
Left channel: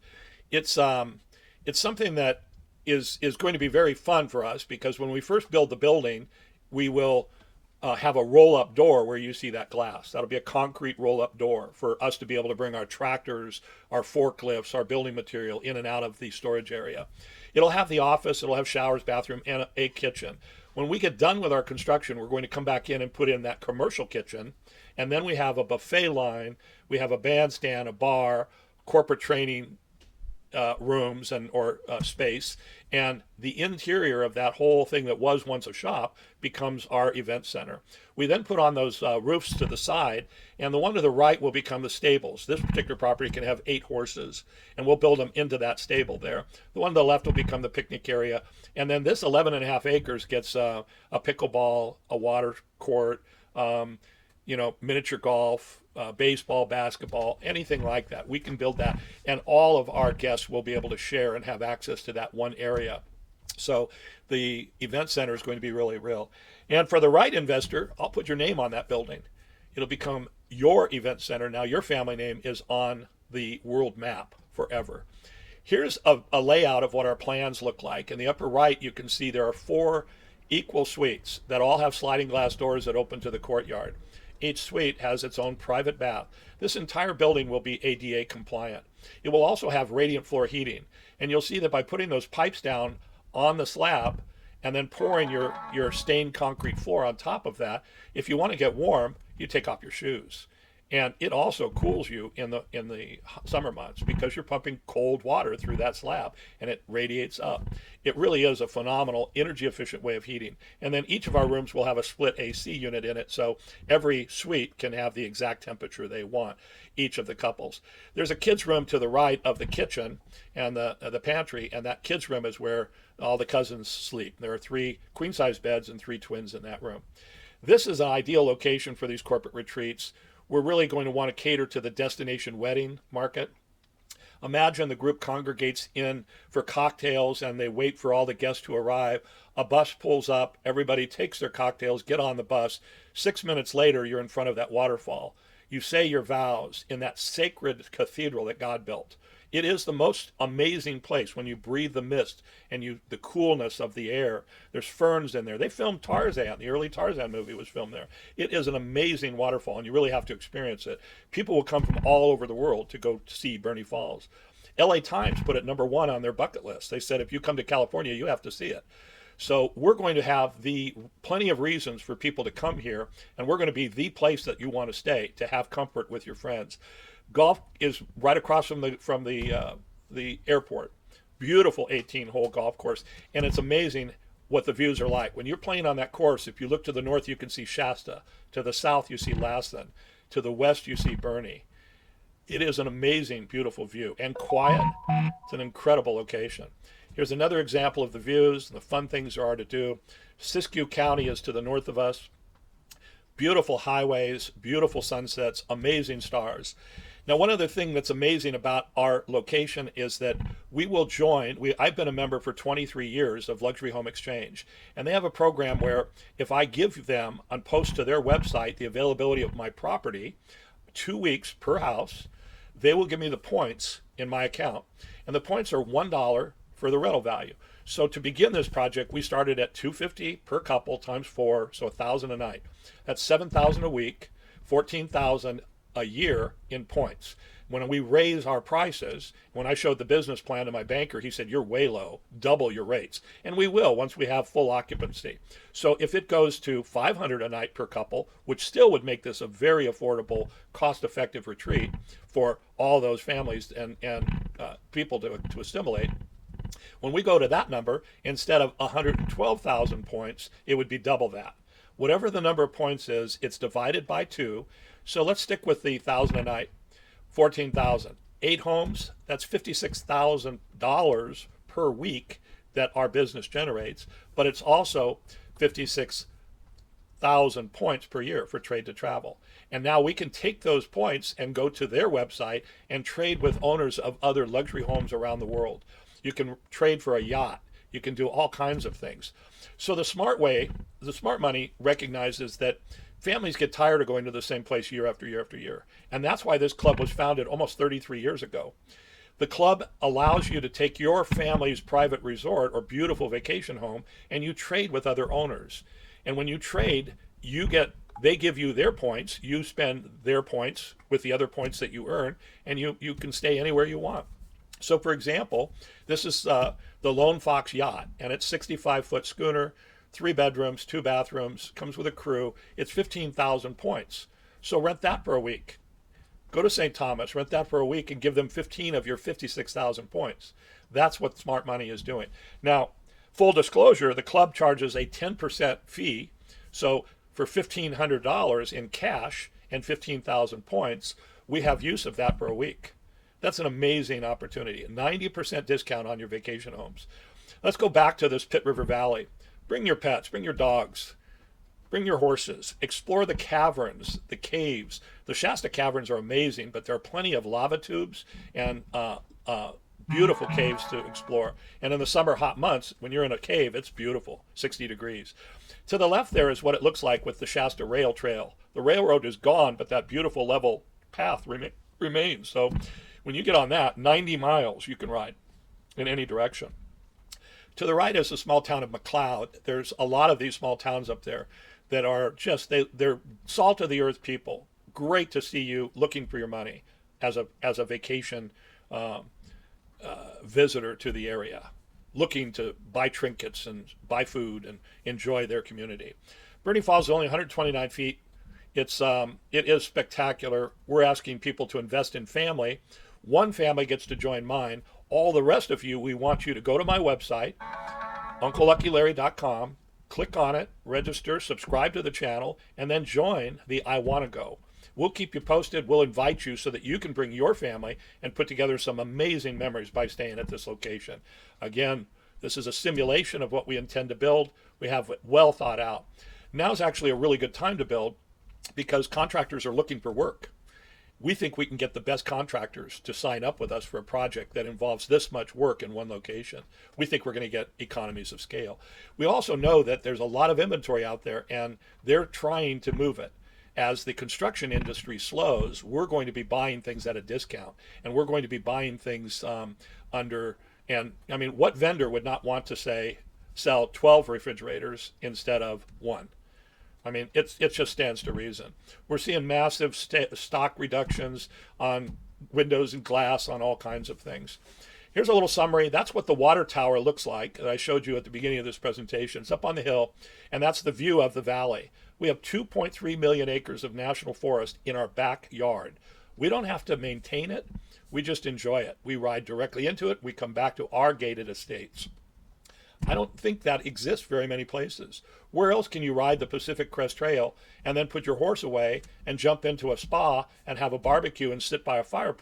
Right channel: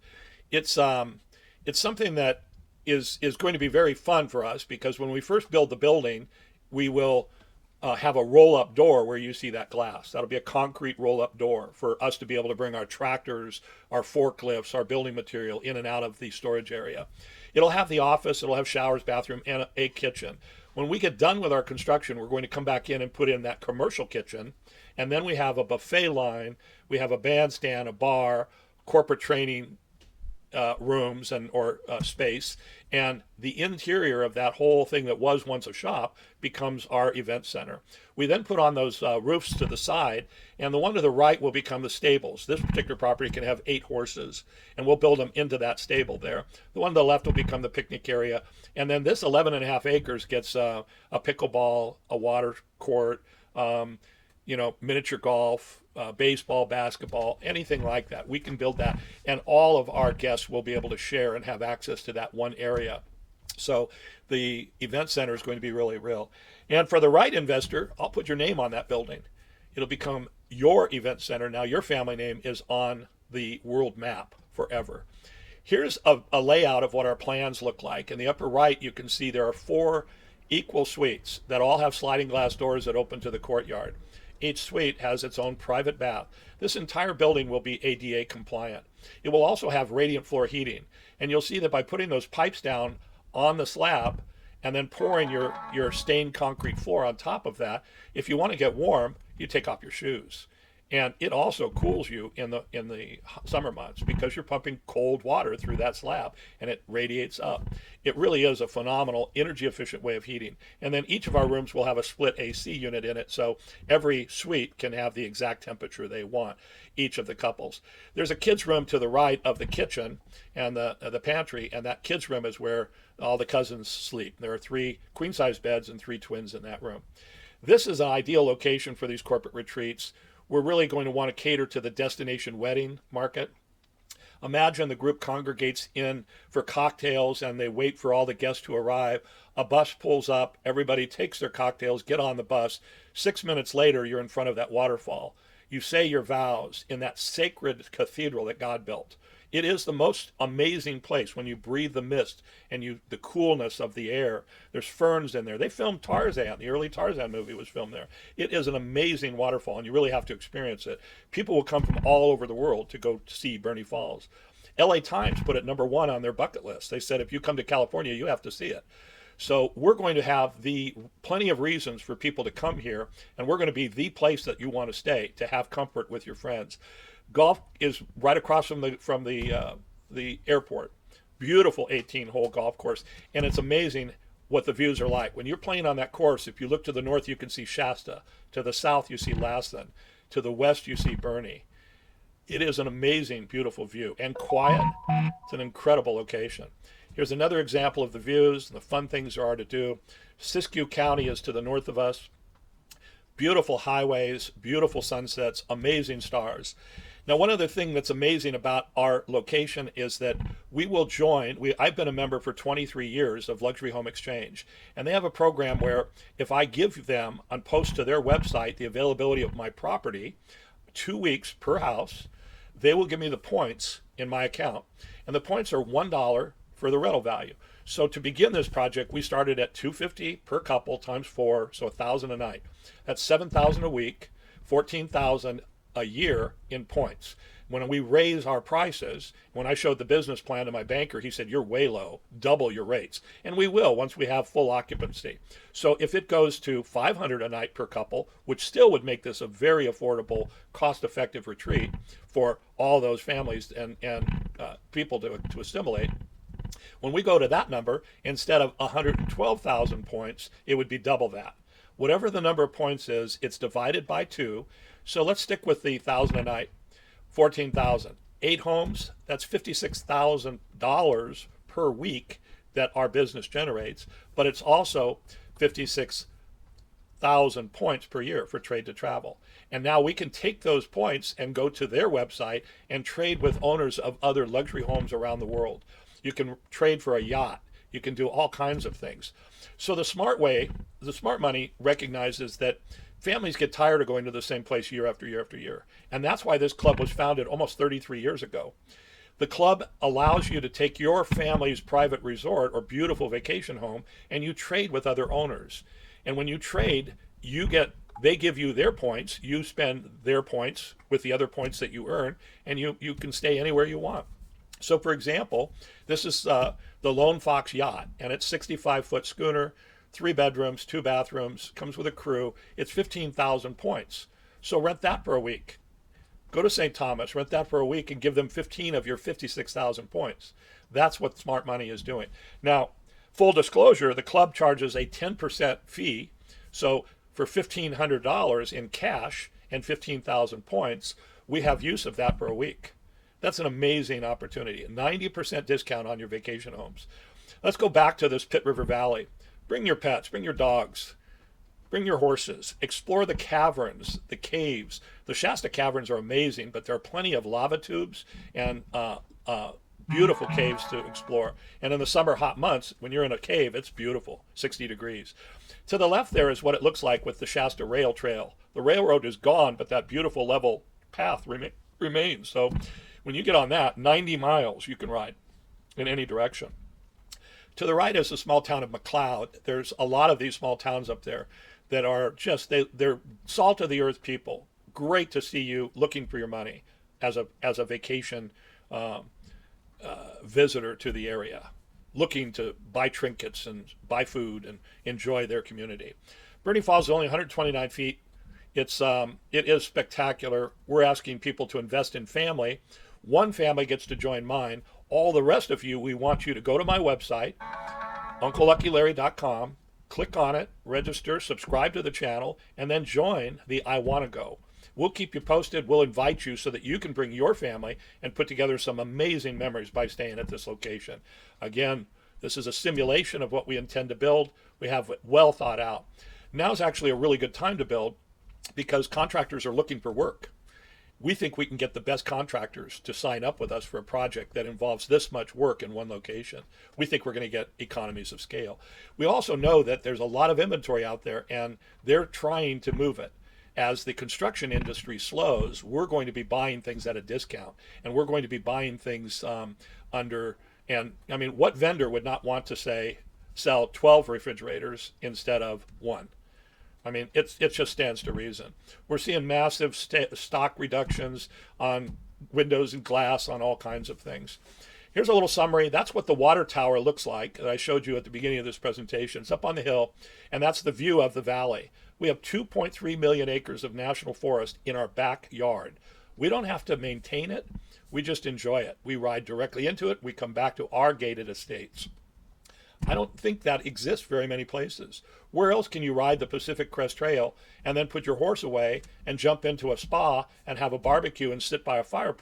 it's something that is going to be very fun for us because when we first build the building, we will have a roll-up door where you see that glass. That'll be a concrete roll-up door for us to be able to bring our tractors, our forklifts, our building material in and out of the storage area. It'll have the office, it'll have showers, bathroom, and a kitchen. When we get done with our construction, we're going to come back in and put in that commercial kitchen, and then we have a buffet line, we have a bandstand, a bar, corporate training rooms or space, and the interior of that whole thing that was once a shop becomes our event center. We then put on those roofs to the side, and the one to the right will become the stables. This particular property can have 8 horses, and we'll build them into that stable there. The one to the left will become the picnic area, and then this 11.5 acres gets a pickleball, a water court, miniature golf, baseball, basketball, anything like that. We can build that, and all of our guests will be able to share and have access to that one area. So the event center is going to be really real. And for the right investor, I'll put your name on that building. It'll become your event center. Now your family name is on the world map forever. Here's a layout of what our plans look like. In the upper right, you can see there are 4 equal suites that all have sliding glass doors that open to the courtyard. Each suite has its own private bath. This entire building will be ADA compliant. It will also have radiant floor heating. And you'll see that by putting those pipes down on the slab and then pouring your stained concrete floor on top of that, if you want to get warm, you take off your shoes. And it also cools you in the summer months because you're pumping cold water through that slab and it radiates up. It really is a phenomenal energy efficient way of heating. And then each of our rooms will have a split AC unit in it, so every suite can have the exact temperature they want, each of the couples. There's a kids room to the right of the kitchen and the pantry, and that kids room is where all the cousins sleep. There are 3 queen size beds and 3 twins in that room. This is an ideal location for these corporate retreats. We're really going to want to cater to the destination wedding market. Imagine the group congregates in for cocktails and they wait for all the guests to arrive. A bus pulls up, everybody takes their cocktails, get on the bus. 6 minutes later, you're in front of that waterfall. You say your vows in that sacred cathedral that God built. It is the most amazing place when you breathe the mist and the coolness of the air. There's ferns in there. They filmed Tarzan. The early Tarzan movie was filmed there. It is an amazing waterfall, and you really have to experience it. People will come from all over the world to go see Bernie Falls. LA Times put it #1 on their bucket list. They said, if you come to California, you have to see it. So we're going to have plenty of reasons for people to come here, and we're going to be the place that you want to stay to have comfort with your friends. Golf is right across from the airport. Beautiful 18-hole golf course, and it's amazing what the views are like. When you're playing on that course, if you look to the north, you can see Shasta. To the south, you see Lassen. To the west, you see Bernie. It is an amazing, beautiful view and quiet. It's an incredible location. Here's another example of the views, the fun things there are to do. Siskiyou County is to the north of us. Beautiful highways, beautiful sunsets, amazing stars. Now, one other thing that's amazing about our location is that we will join. I've been a member for 23 years of Luxury Home Exchange, and they have a program where if I give them and post to their website the availability of my property, 2 weeks per house, they will give me the points in my account. And the points are $1 for the rental value. So to begin this project, we started at $250 per couple times 4, so $1,000 a night. That's $7,000 a week, $14,000 a year in points. When we raise our prices, when I showed the business plan to my banker, he said, you're way low, double your rates. And we will once we have full occupancy. So if it goes to $500 a night per couple, which still would make this a very affordable, cost-effective retreat for all those families and people to assimilate, when we go to that number, instead of 112,000 points, it would be double that. Whatever the number of points is, it's divided by 2. So let's stick with the 1,000 a night, 14,000. 8 homes, that's $56,000 per week that our business generates, but it's also 56,000 points per year for trade to travel. And now we can take those points and go to their website and trade with owners of other luxury homes around the world. You can trade for a yacht. You can do all kinds of things. So the smart money recognizes that families get tired of going to the same place year after year after year. And that's why this club was founded almost 33 years ago. The club allows you to take your family's private resort or beautiful vacation home and you trade with other owners. And when you trade, they give you their points, you spend their points with the other points that you earn, and you can stay anywhere you want. So for example, this is the Lone Fox Yacht, and it's 65-foot schooner, 3 bedrooms, 2 bathrooms, comes with a crew. It's 15,000 points. So rent that for a week. Go to St. Thomas, rent that for a week, and give them 15 of your 56,000 points. That's what smart money is doing. Now, full disclosure, the club charges a 10% fee. So for $1,500 in cash and 15,000 points, we have use of that for a week. That's an amazing opportunity. 90% discount on your vacation homes. Let's go back to this Pitt River Valley. Bring your pets, bring your dogs, bring your horses. Explore the caverns, the caves. The Shasta caverns are amazing, but there are plenty of lava tubes and beautiful caves to explore. And in the summer hot months, when you're in a cave, it's beautiful, 60 degrees. To the left there is what it looks like with the Shasta Rail Trail. The railroad is gone, but that beautiful level path remains. So when you get on that, 90 miles you can ride in any direction. To the right is the small town of McLeod. There's a lot of these small towns up there that are just, they're salt of the earth people. Great to see you looking for your money as a vacation visitor to the area, looking to buy trinkets and buy food and enjoy their community. Bernie Falls is only 129 feet. It is spectacular. We're asking people to invest in family. One family gets to join mine. All the rest of you, we want you to go to my website, UncleLuckyLarry.com, click on it, register, subscribe to the channel, and then join the I Want to Go. We'll keep you posted. We'll invite you so that you can bring your family and put together some amazing memories by staying at this location. Again, this is a simulation of what we intend to build. We have it well thought out. Now is actually a really good time to build because contractors are looking for work. We think we can get the best contractors to sign up with us for a project that involves this much work in one location. We think we're going to get economies of scale. We also know that there's a lot of inventory out there and they're trying to move it. As the construction industry slows, we're going to be buying things at a discount, and we're going to be buying things and I mean, what vendor would not want to sell 12 refrigerators instead of one? I mean, it just stands to reason. We're seeing massive stock reductions on windows and glass, on all kinds of things. Here's a little summary. That's what the water tower looks like that I showed you at the beginning of this presentation. It's up on the hill, and that's the view of the valley. We have 2.3 million acres of national forest in our backyard. We don't have to maintain it. We just enjoy it. We ride directly into it. We come back to our gated estates. I don't think that exists very many places. Where else can you ride the Pacific Crest Trail and then put your horse away and jump into a spa and have a barbecue and sit by a fire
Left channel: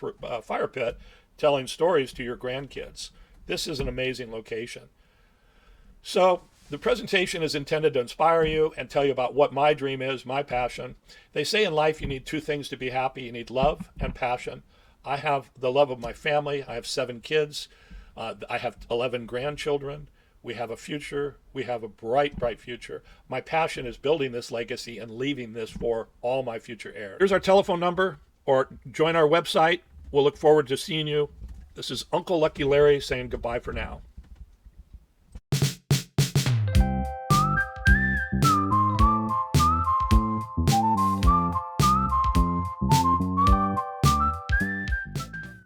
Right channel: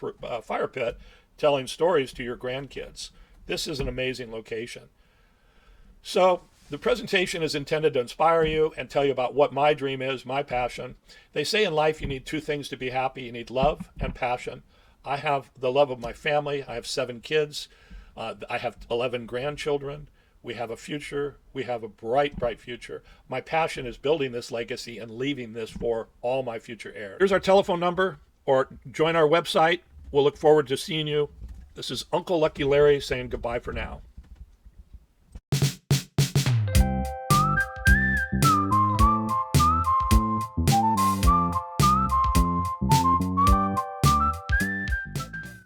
pit telling stories to your grandkids? This is an amazing location. So the presentation is intended to inspire you and tell you about what my dream is, my passion. They say in life you need two things to be happy. You need love and passion. I have the love of my family. I have 7 kids. I have 11 grandchildren. We have a future. We have a bright, bright future. My passion is building this legacy and leaving this for all my future heirs. Here's our telephone number, or join our website. We'll look forward to seeing you. This is Uncle Lucky Larry saying goodbye for now.